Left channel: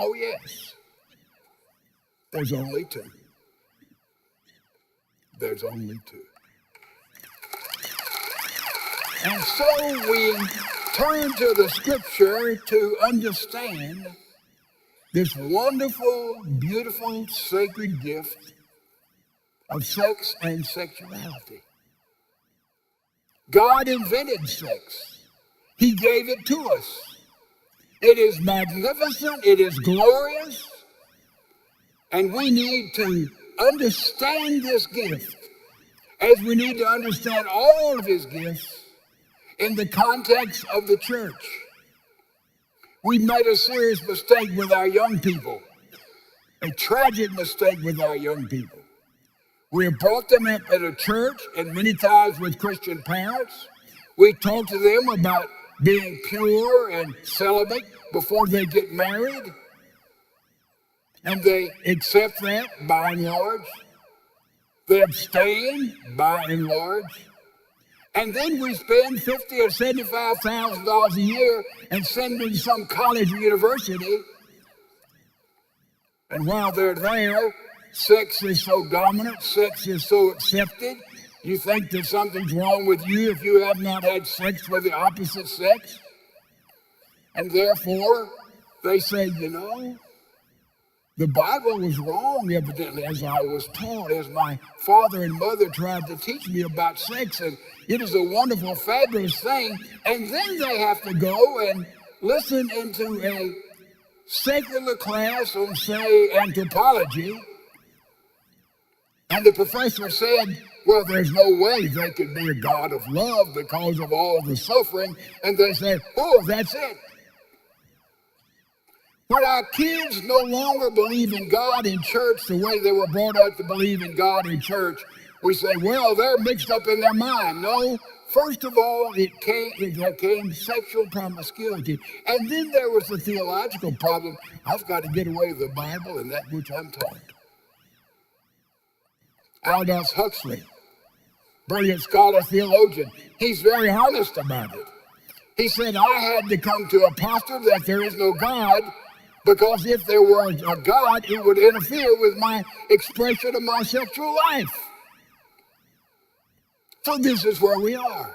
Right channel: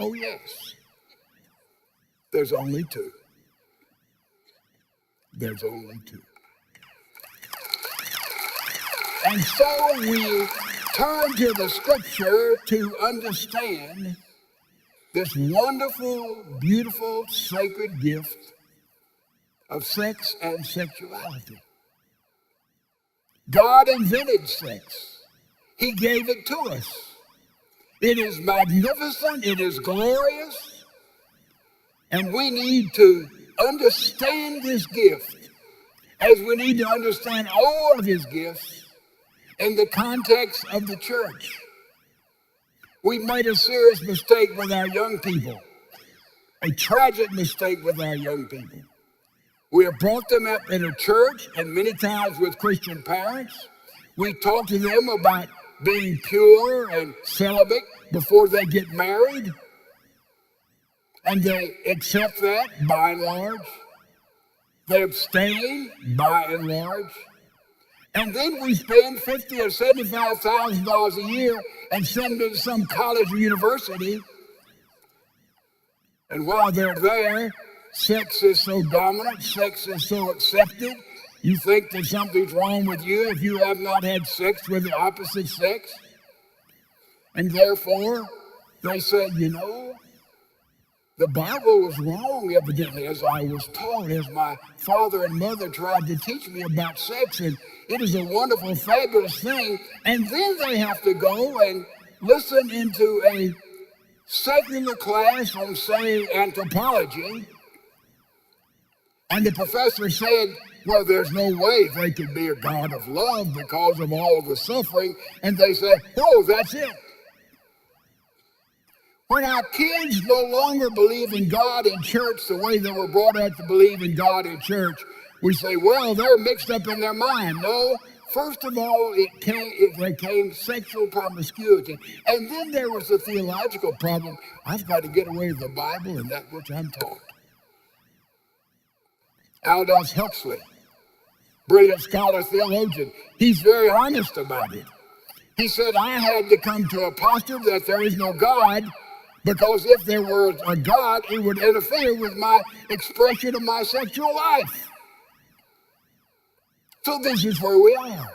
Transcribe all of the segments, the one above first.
Oh, yes. There's only two. There's only two. And so we turn to the scripture to understand this wonderful, beautiful, sacred gift of sex and sexuality. God invented sex. He gave it to us. It is magnificent. It is glorious. And we need to understand this gift as we need to understand all of his gifts in the context of the church. We've made a serious mistake with our young people, a tragic mistake with our young people. We have brought them up in a church and many times with Christian parents. We talk to them about being pure and celibate before they get married. And they accept that by and large. They abstain by and large. And then we spend $50,000 or $75,000 a year and send them to some college or university. And while they're there, sex is so dominant, sex is so accepted. You think that something's wrong with you if you have not had sex with the opposite sex. And therefore, they say, you know, the Bible was wrong, evidently, as I was taught, as my father and mother tried to teach me about sex. And it is a wonderful, fabulous thing. And then they have to go and listen into a secular class on, say, anthropology. And the professor said, well, there's no way they could be a God of love because of all the suffering. And they say, oh, that's it. When our kids no longer believe in God in church the way they were brought up to believe in God in church, we say, well, they're mixed up in their mind. No, first of all, there came sexual promiscuity. And then there was a theological problem. I've got to get away with the Bible and that which I'm taught. Aldous Huxley, brilliant scholar, theologian, he's very honest about it. He said, I had to come to a posture that there is no God, because if there were a God, it would interfere with my expression of my sexual life. So this is where we are.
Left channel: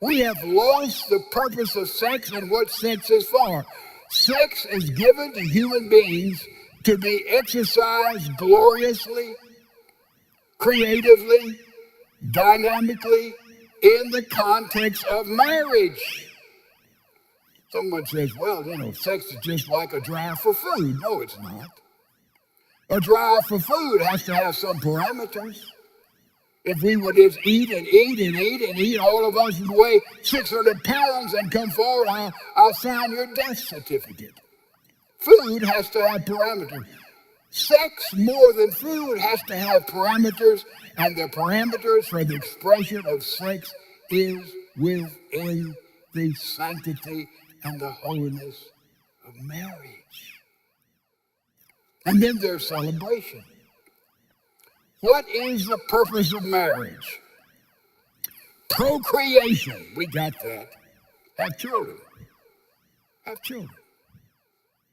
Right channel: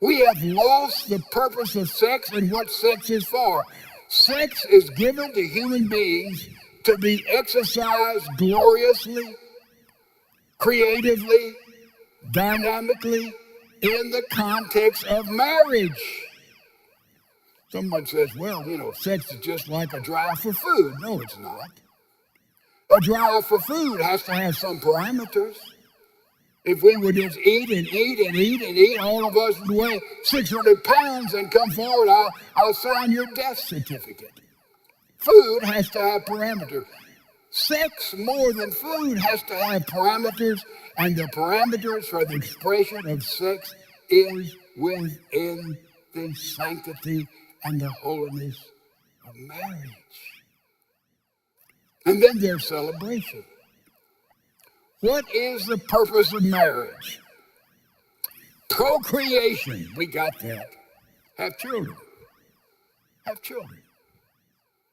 We have lost the purpose of sex and what sex is for. Sex is given to human beings to be exercised gloriously, creatively, dynamically, in the context of marriage. Someone says, well, you know, sex is just like a drive for food. No, it's not. A drive for food has to have some parameters. If we would just eat and eat and eat and eat, all of us would weigh 600 pounds and come forward, I'll sign your death certificate. Food has to have parameters. Sex, more than food, has to have parameters, and the parameters for the expression of sex is within the sanctity and the holiness of marriage. And then there's celebration. What is the purpose of marriage? Procreation. We got that. Have children. Have children.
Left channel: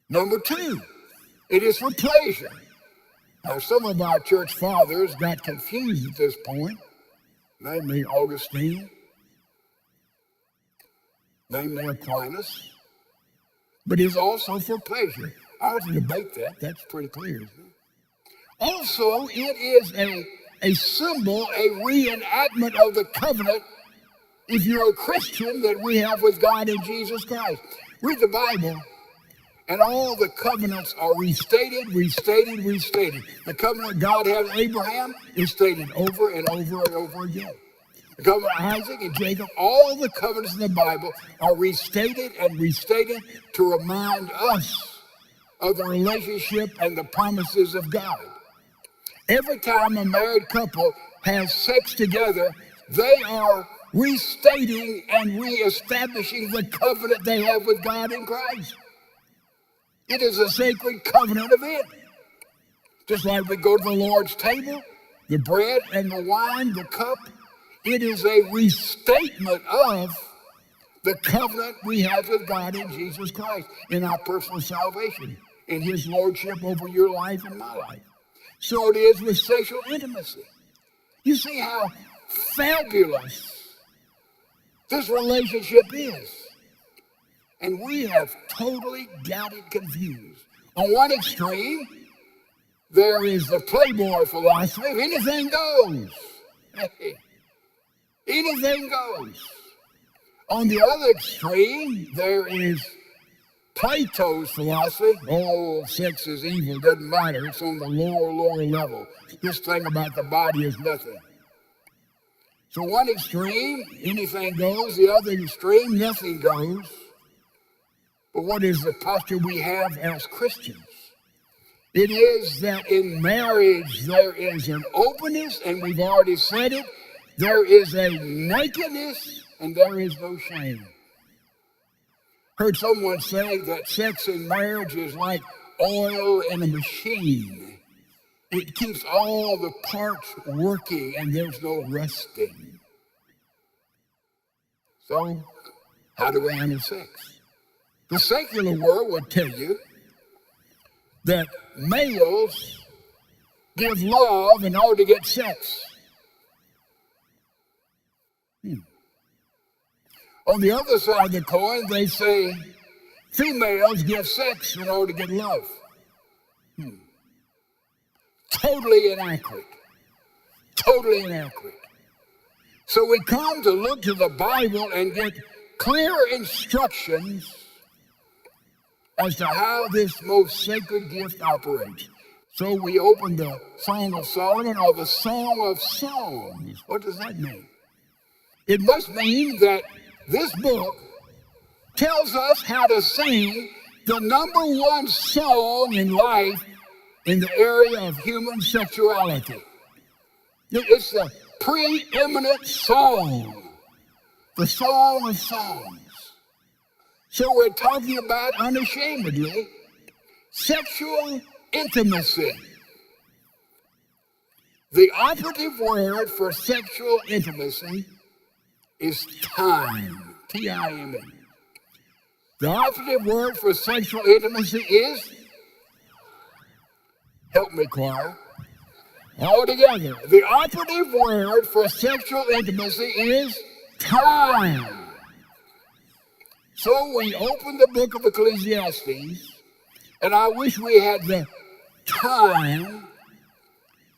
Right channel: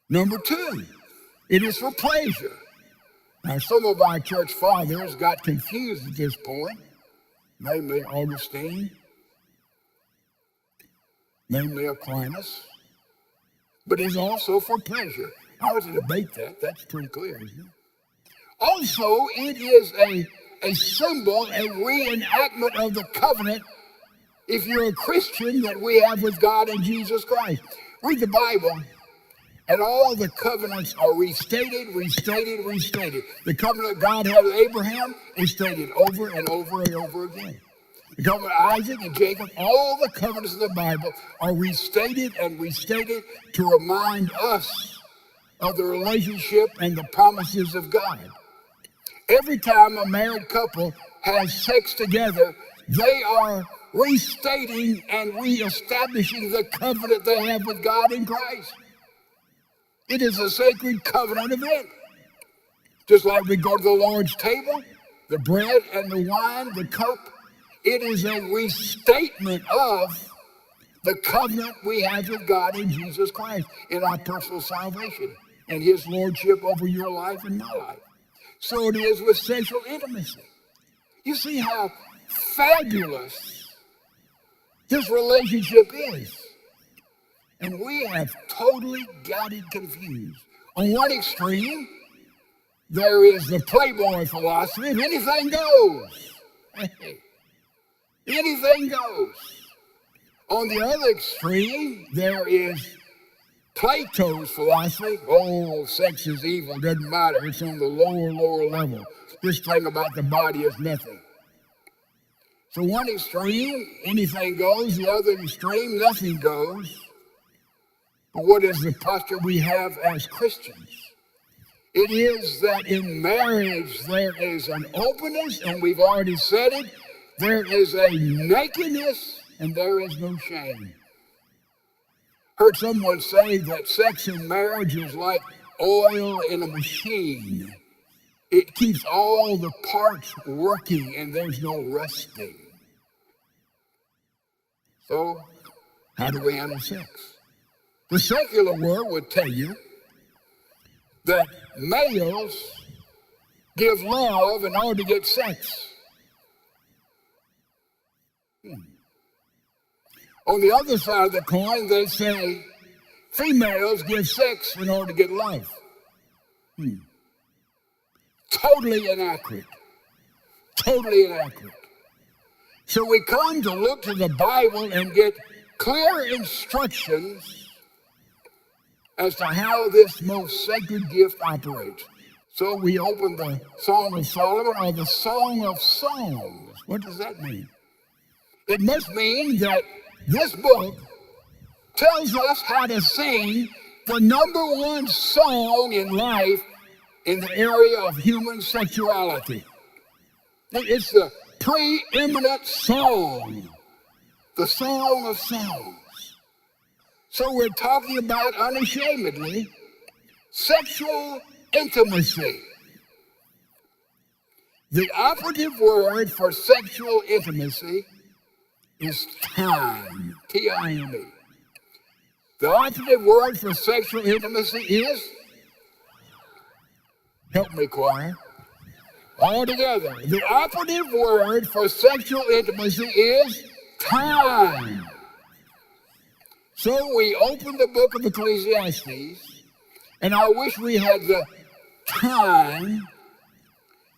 Number two, it is for pleasure. Now, some of our church fathers got confused at this point, namely Augustine, namely Aquinas, but it's also for pleasure. I was to debate that. That's pretty clear, isn't it? Also, it is a symbol, a reenactment of the covenant, if you're a Christian, that we have with God in Jesus Christ. Read the Bible, and all the covenants are restated, restated, restated. The covenant God had with Abraham is stated over and over and over again. The covenant of Isaac and Jacob, all the covenants of the Bible are restated and restated to remind us of the relationship and the promises of God. Every time a married couple has sex together, they are restating and reestablishing the covenant they have with God in Christ. It is a sacred covenant event. Just like we go to the Lord's table, the bread and the wine, the cup, it is a restatement of the covenant we have with God in Jesus Christ, in our personal salvation, in his lordship over your life and my life. So it is with sexual intimacy. You see how fabulous this relationship is. And we have totally got it confused. On one extreme, there is the Playboy philosophy of anything goes. Hey, anything goes. On the other extreme, there is Plato's philosophy. Oh, sex is evil, doesn't matter. It's on the lower level. This thing about the body is nothing. So one extreme, anything goes. The other extreme, nothing goes. But what is the posture we have as Christians? It is that in marriage there is an openness, and we've already said it. There is a nakedness, and there is no shame. Heard someone say that sex in marriage is like oil in a machine. It keeps all the parts working, and there's no rusting. So, how do we handle sex? The secular world would tell you that males give love in order to get sex. On the other side of the coin, they say females give sex in order to get love. Totally inaccurate. Totally inaccurate. So we come to look to the Bible and get clear instructions as to how this most sacred gift operates. So we open the Song of Solomon, or the Song of Songs. What does that mean? It must mean that this book tells us how to sing the number one song in life in the area of human sexuality. It's the preeminent song, the Song of Songs. So we're talking about, unashamedly, sexual intimacy. The operative word for sexual intimacy is time, T-I-M-E. The operative word for sexual intimacy is, help me, choir, all together. The operative word for sexual intimacy is time. So we open the book of Ecclesiastes, and I wish we had the time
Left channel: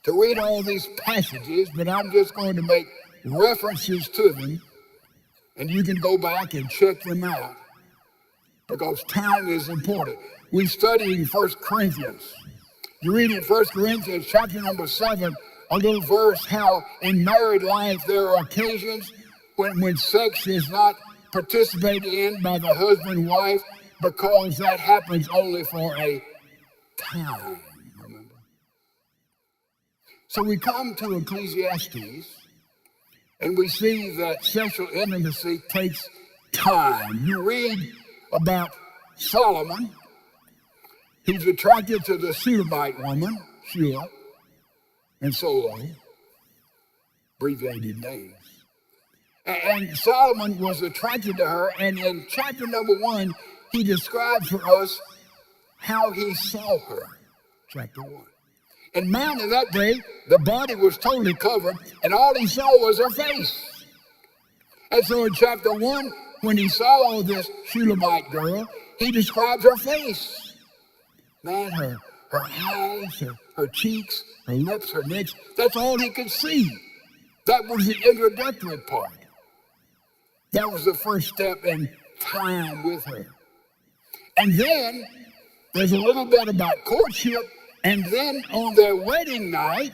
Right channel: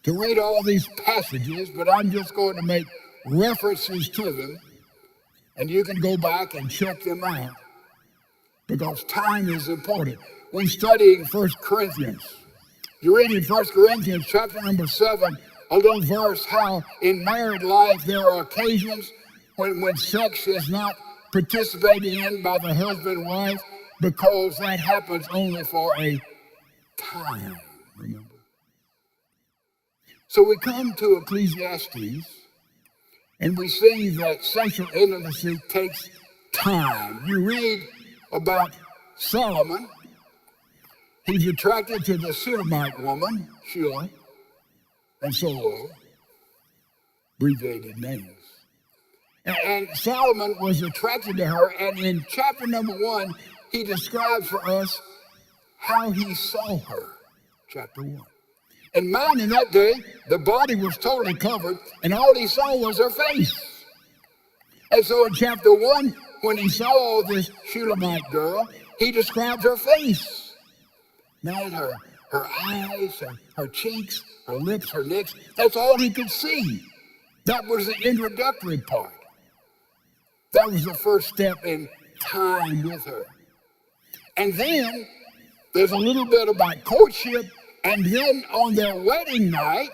to read all these passages, but I'm just going to make references to them, and you can go back and check them out, because time is important. We study in 1 Corinthians. You read in 1 Corinthians chapter number 7, a little verse, how in married life there are occasions when sex is not participated in by the husband and wife, because that happens only for a time, remember. So we come to Ecclesiastes, and we see that sexual intimacy takes time. You read about Solomon. He's attracted to the Shulamite woman, Shula, and Solo, abbreviated names. And Solomon was attracted to her, and in chapter number 1, he describes for us how he saw her, chapter 1. And mind, in that day, the body was totally covered, and all he saw was her face. And so in chapter 1, when he saw this Shulamite girl, he describes her face. Man, her eyes, her cheeks, her lips, her necks, that's all he could see. That was the introductory part. That was the first step in time with her. And then there's a little bit about courtship, and then on their wedding night,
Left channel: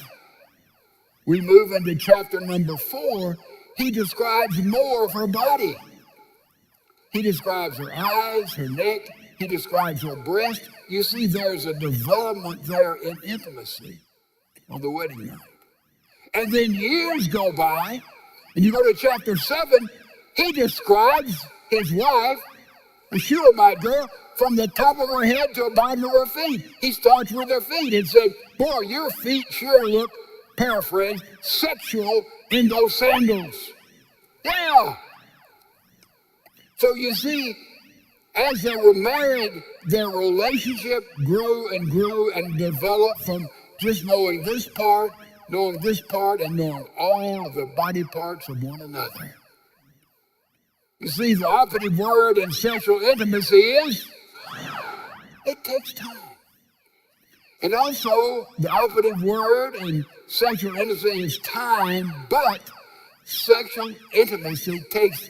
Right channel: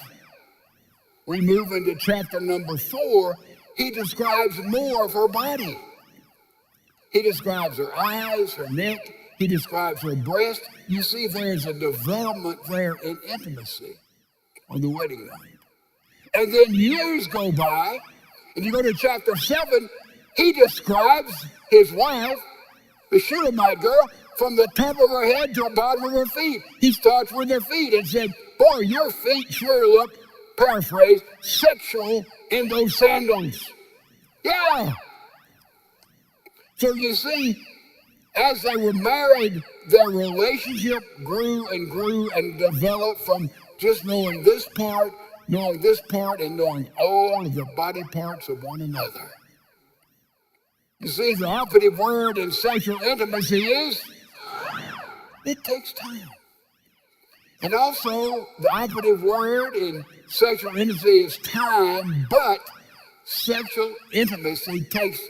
we move into chapter number 4, he describes more of her body. He describes her eyes, her neck, he describes her breast. You see, there's a development there in intimacy on the wedding night. And then years go by, and you go to chapter 7, he describes his wife, the Shulamite girl, from the top of her head to the bottom of her feet. He starts with her feet and said, boy, your feet sure look, paraphrase, sexual in those sandals. Yeah. So you see, as they were married, their relationship grew and developed from just knowing this part, and knowing all of the body parts of one another. You see, the operative word in sexual intimacy is, it takes time. And also, the operative word in sexual intimacy is time, but sexual intimacy takes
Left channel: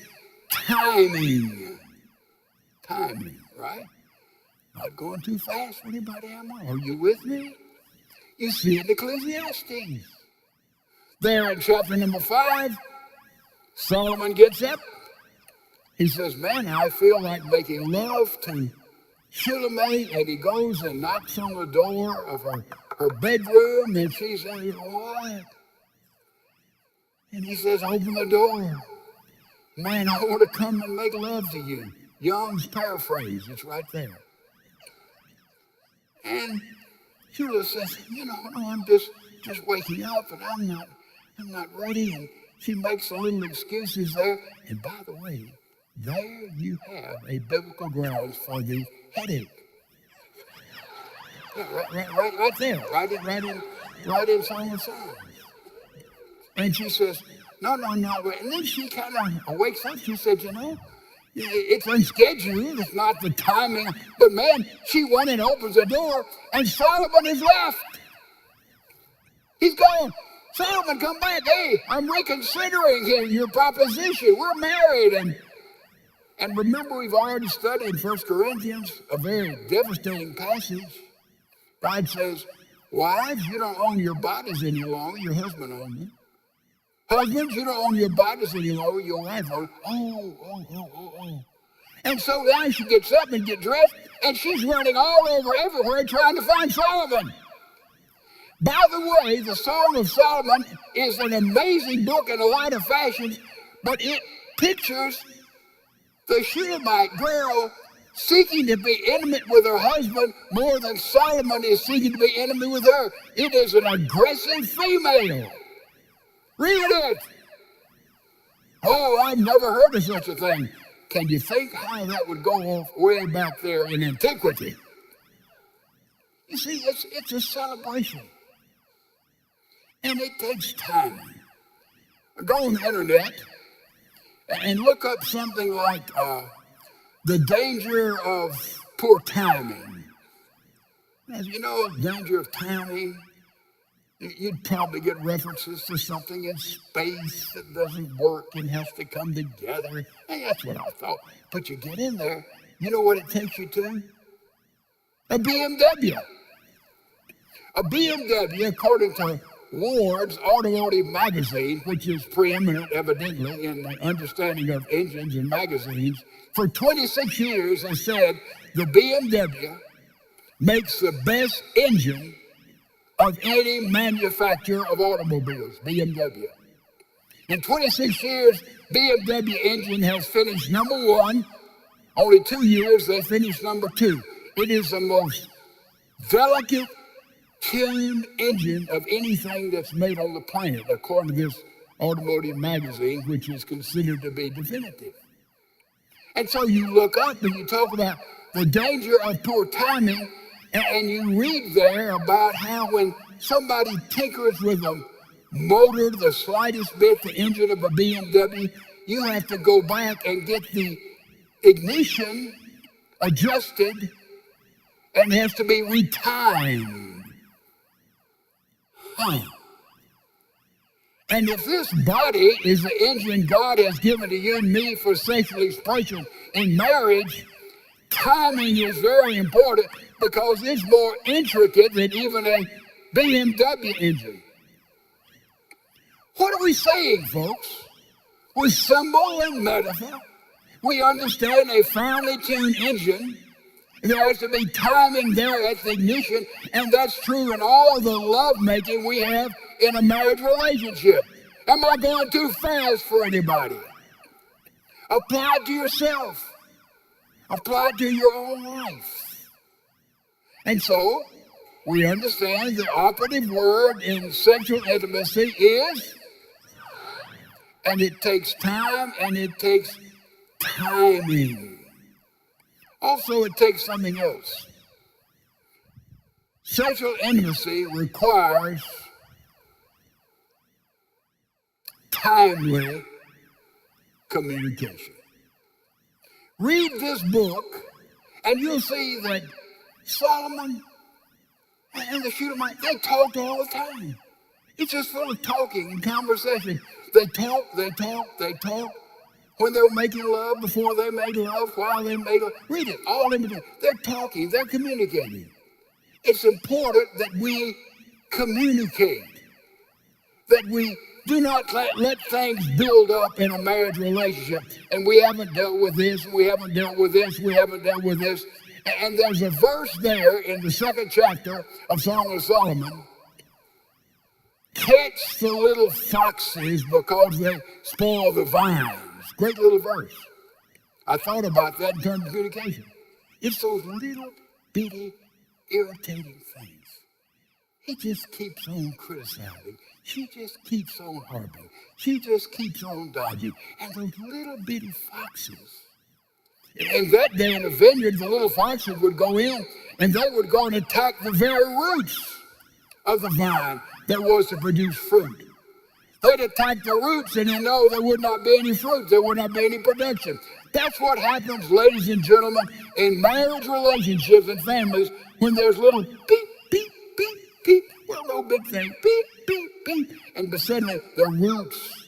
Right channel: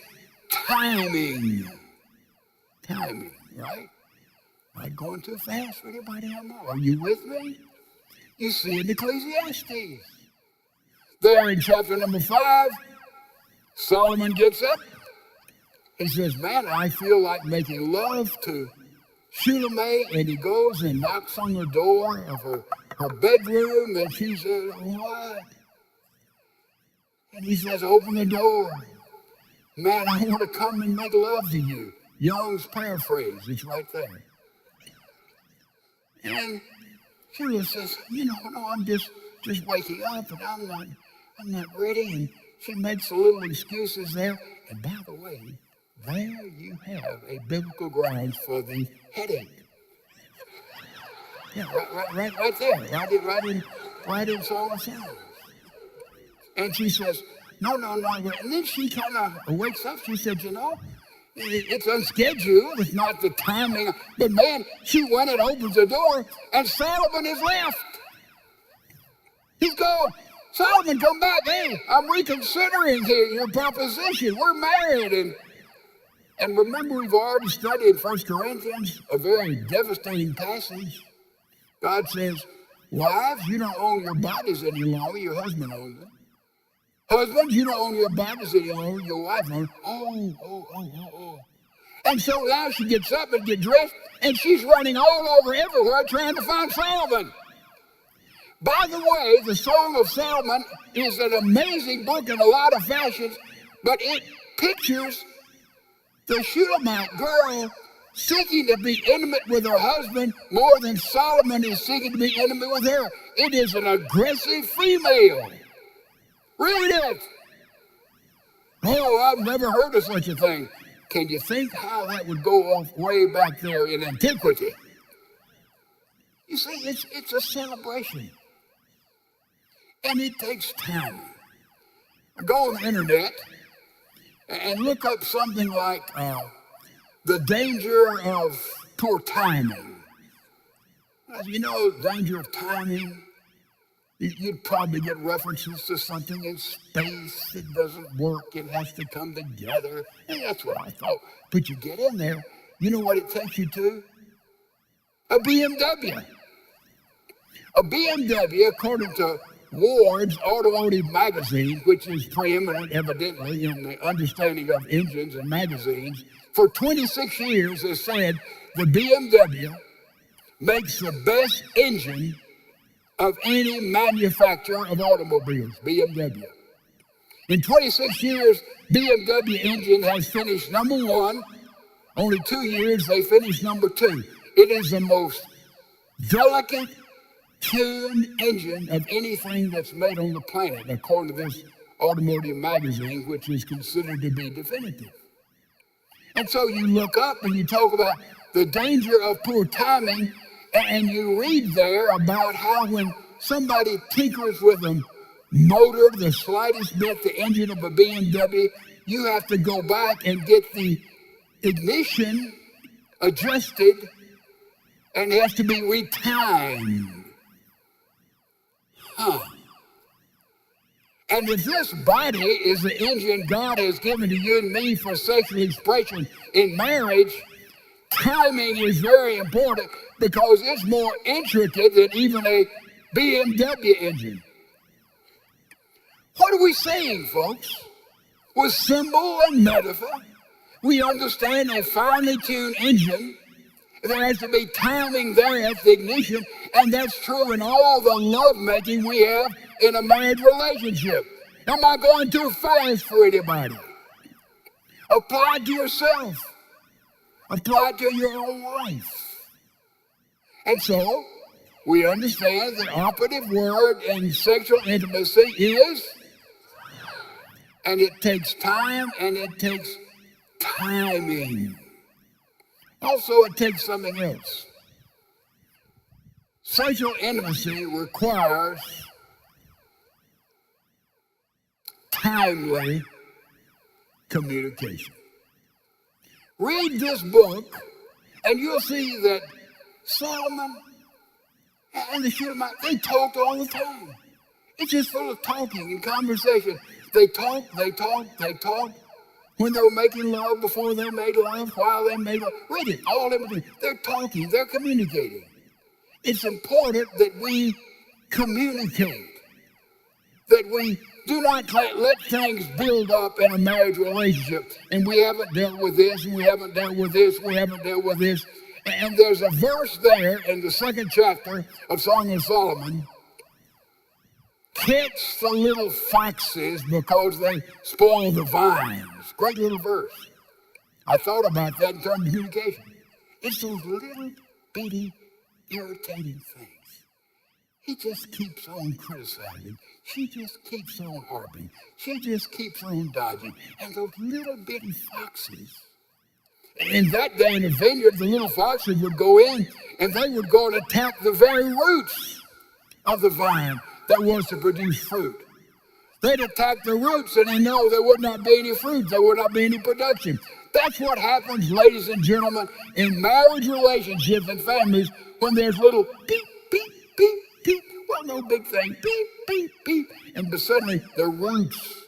timing. Timing, right? Not going too fast for anybody, am I? Are you with me? You see in Ecclesiastes. There in chapter number 5, Solomon gets up. He says, man, I feel like making love to Shulamite, and he goes and knocks on the door of her bedroom, and she says, what? And he says, open the door. Man, I want to come and make love to you. Young's paraphrase, it's right there. And Shula says, no, I'm just waking up, and I'm not ready. And she makes a little excuses there. And by the way, there you have a biblical grounds for the headache. Yeah, right there, right in Song of Songs. And she says, no, not right. And then she kind of wakes up. She said, it's unscheduled. It's not the timing. But man, she went and opens the door, and Solomon is left. He's gone. Solomon, come back. Hey, I'm reconsidering here your proposition. We're married. And remember, we've already studied 1 Corinthians, a very devastating passage. God says, wives, you don't own your bodies any longer. Your husband owns them. Husbands, you don't own your bodies any longer. Your wife owns them. Oh. And so now she gets up and gets dressed, and she's running all over everywhere trying to find Solomon. By the way, the Song of Solomon is an amazing book in a lot of fashions, but it pictures the Shulamite girl seeking to be intimate with her husband more than Solomon is seeking to be intimate with her. It is an aggressive female. Read it. Oh, I've never heard of such a thing. Can you think how that would go off way back there in antiquity? You see, it's a celebration. And it takes time. Go on the internet and look up something like the danger of poor timing. As you know, danger of timing, you'd probably get references to something in space that doesn't work and has to come together. And that's what I thought. But you get in there, you know what it takes you to? A BMW. A BMW, according to Ward's Automotive Magazine, which is preeminent, evidently, in the understanding of engines and magazines, for 26 years has said the BMW makes the best engine of any manufacturer of automobiles, BMW. In 26 years, BMW engine has finished number 1. Only 2 years, they finished number 2. It is the most delicate tuned engine of anything that's made on the planet, according to this automotive magazine, which is considered to be definitive. And so you look up and you talk about the danger of poor timing, and you read there about how when somebody tinkers with a motor, the slightest bit, the engine of a BMW, you have to go back and get the ignition adjusted, and it has to be retimed. And if this body is the engine God has given to you and me for sexual expression in marriage, timing is very important because it's more intricate than even a BMW engine. What are we saying, folks? With symbol and metaphor, we understand a finely tuned engine. There has to be timing there at the ignition, and that's true in all the lovemaking we have in a marriage relationship. Am I going too fast for anybody? Apply it to yourself. Apply it to your own life. And so, we understand the operative word in sexual intimacy is, and it takes time, and it takes timing. Also, it takes something else. Sexual intimacy requires timely communication. Read this book, and you'll see that Solomon and the Shunammite, they talked all the time. It's just full of talking and conversation. They talked. When they were making love, before they made love, while they made love. Read it, all in between. They're talking, they're communicating. It's important that we communicate, that we do not let things build up in a marriage relationship. And we haven't dealt with this, and we haven't dealt with this, we haven't dealt with this. And there's a verse there in the 2nd chapter of Song of Solomon. Catch the little foxes because they spoil the vines. Great little verse. I thought about that in terms of communication. It's those little bitty irritating things. He just keeps on criticizing. She just keeps on harping. She just keeps on dodging. And those little bitty foxes. In that day in the vineyard, the little foxes would go in and they would go and attack the very roots of the vine that was to produce fruit. They'd attack the roots and they know there would not be any fruit, there would not be any production. That's what happens, ladies and gentlemen, in marriage relationships and families when there's little beep, beep, beep, beep. Well, no big thing, beep, beep, beep. And but suddenly the roots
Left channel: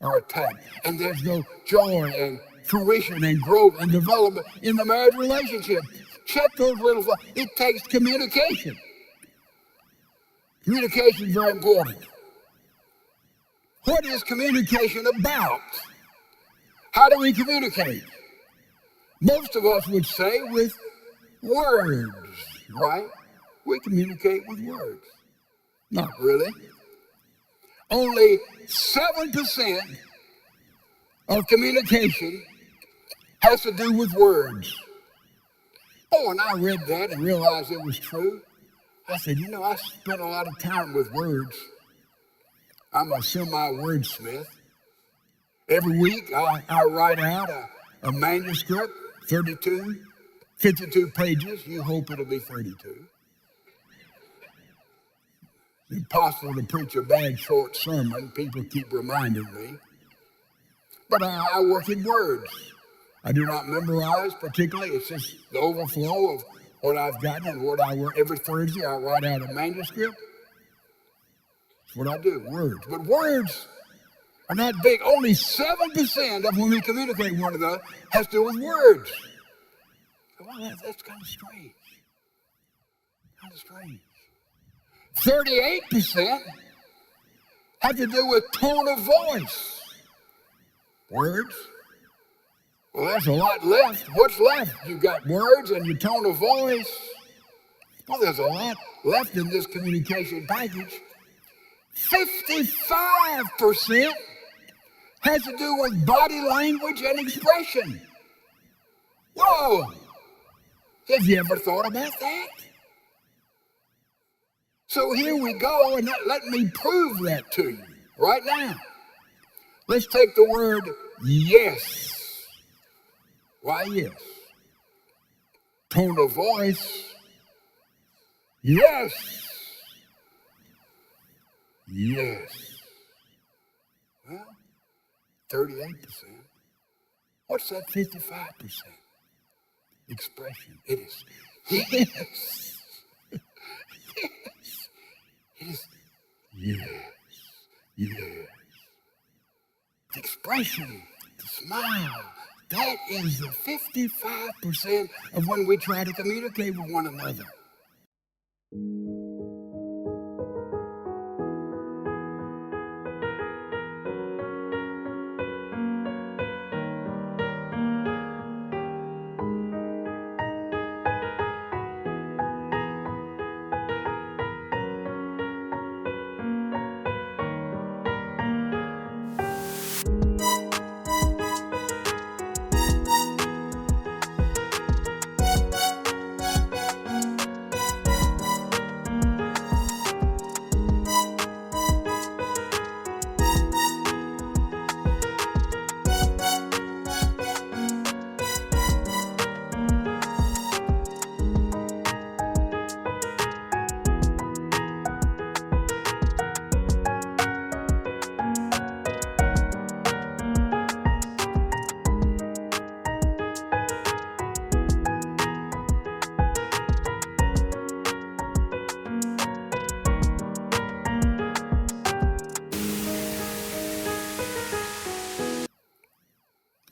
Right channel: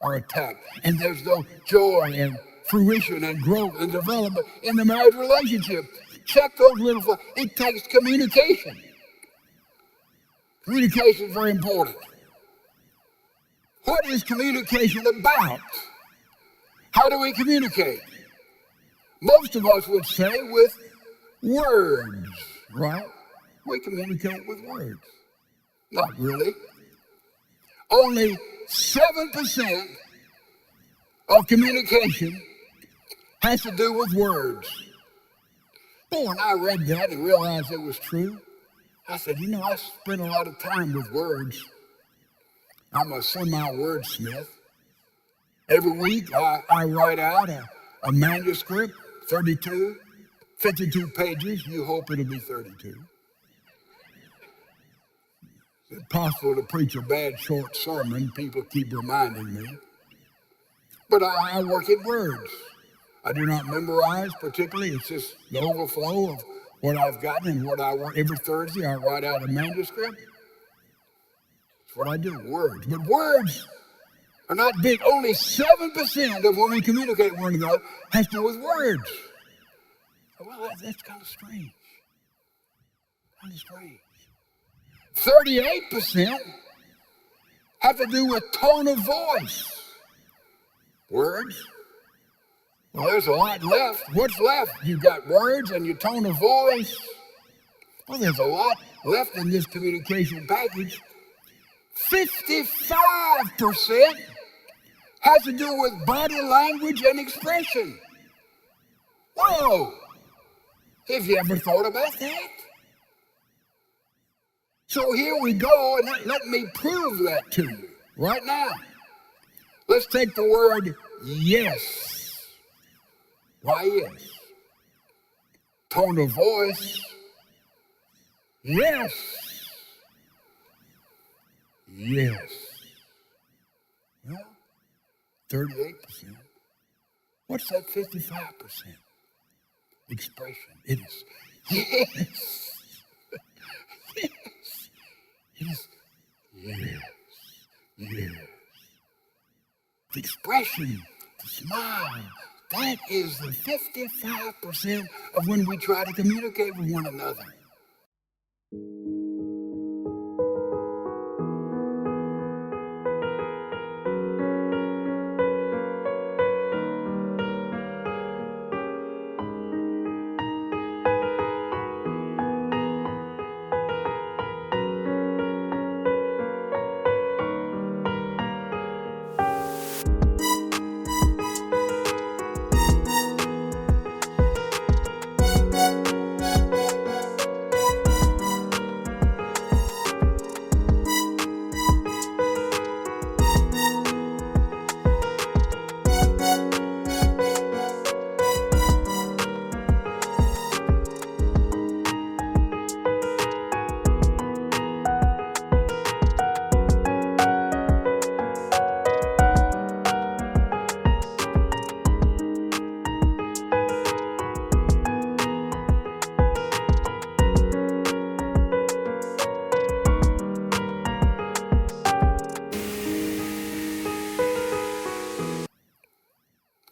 are attacked and there's no joy and fruition and growth and development in the marriage relationship. Check those little, it takes communication. Communication is very important. What is communication about? How do we communicate? Most of us would say with words, right? We communicate with words. Not really. Only 7% of communication has to do with words. Boy, when I read that and realized it was true, I said, I spend a lot of time with words. I'm a semi-wordsmith. Every week I write out a manuscript, 52 pages. You hope it'll be 32. It's impossible to preach a bad short sermon. People keep reminding me. But I work in words. I do not memorize particularly. It's just the overflow of what I've gotten and what I work. Every Thursday I write out a manuscript. That's what I do, words. But words are not big. Only 7% of when we communicate with one another has to do with words. Well, that's kind of strange. 38% have to do with tone of voice. Words. Well, there's a lot left. What's left? You've got words and your tone of voice. Well, there's a lot left in this communication package. 55% has to do with body language and expression. Whoa! Have you ever thought about that? So here we go, and let me prove that to you right now. Let's take the word yes. Why yes? Tone of voice. Yes. Yes. Well, 38%. What's that 55%? Expression. It is yes. Yes. It is yes. Yes. The expression, the smile, that is the 55% of when we try to communicate with one another.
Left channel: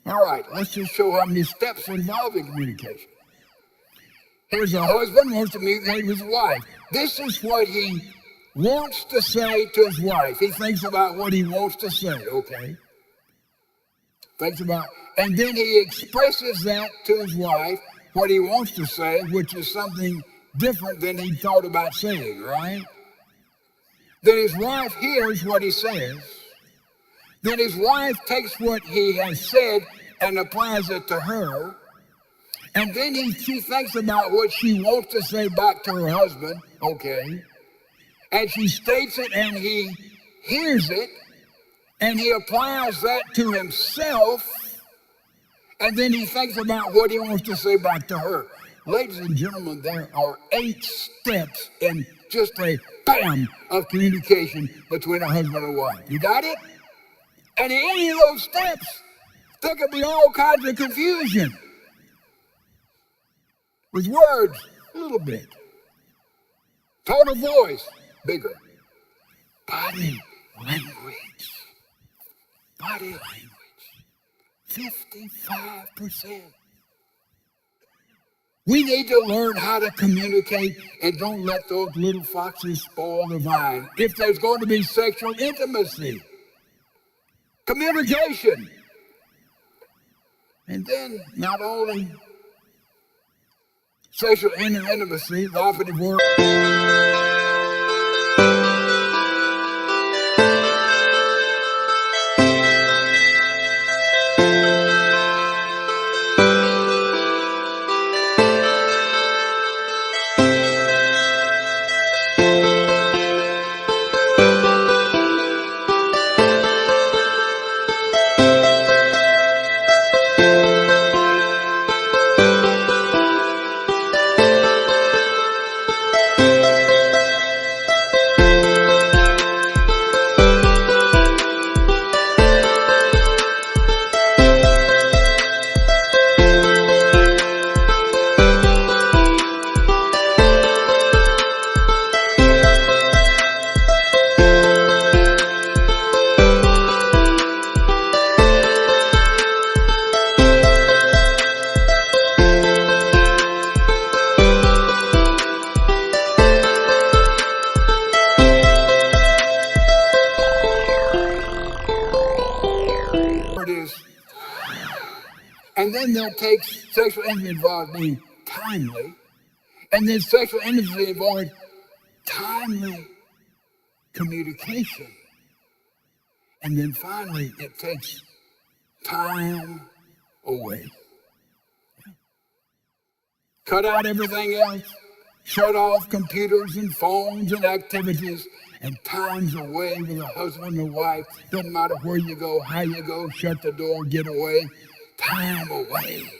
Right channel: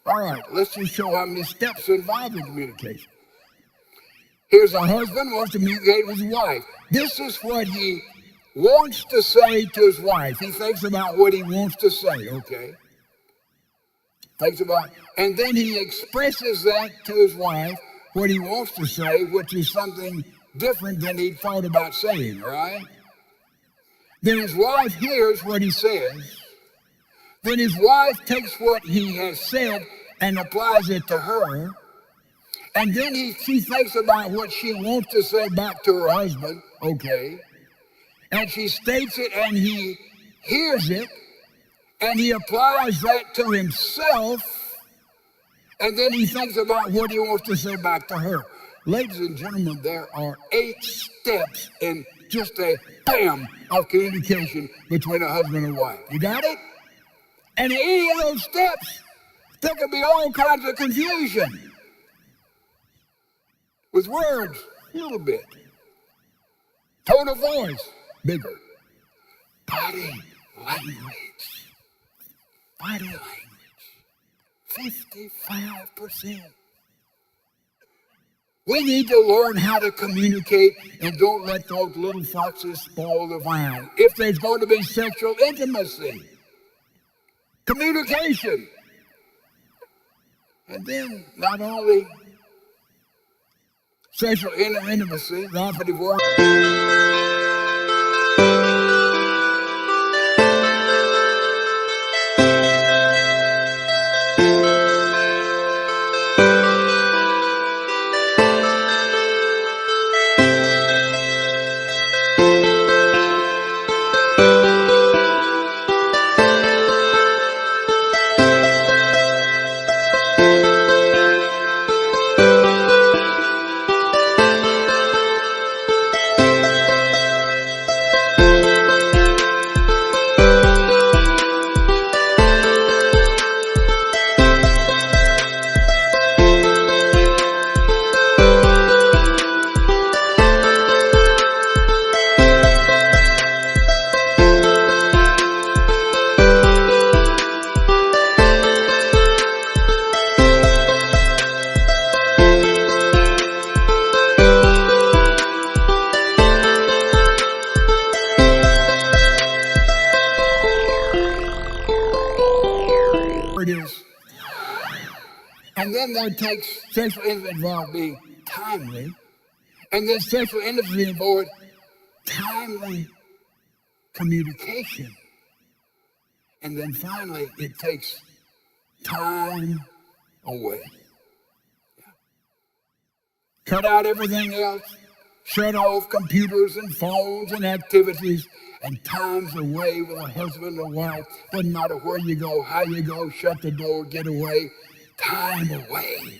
All right, let's just show how many steps are involved in communication. Here's a husband wants to communicate with his wife. This is what he wants to say to his wife. He thinks about what he wants to say, okay? Thinks about, and then he expresses that to his wife, what he wants to say, which is something different than he thought about saying, right? Then his wife hears what he says. Then his wife takes what he has said and applies it to her. And then she thinks about what she wants to say back to her husband, okay? And she states it and he hears it and he applies that to himself. And then he thinks about what he wants to say back to her. Ladies and gentlemen, there are 8 steps in just a bam of communication between a husband and wife. You got it? And in any of those steps, there could be all kinds of confusion. With words, a little bit. Tone of voice, bigger. Body language. Body language. 55%. We need to learn how to communicate and don't let those little foxes spoil the vine. If there's going to be sexual intimacy, communication. And then not only sexual intimacy, the operative word. And then that takes sexual intimacy involved being timely. And then sexual intimacy involved timely communication. And then finally, it takes time away. Cut out everything else. Shut off computers and phones and activities. And time's away with a husband and wife. Doesn't matter where you go, how you go, shut the door, get away. Time away.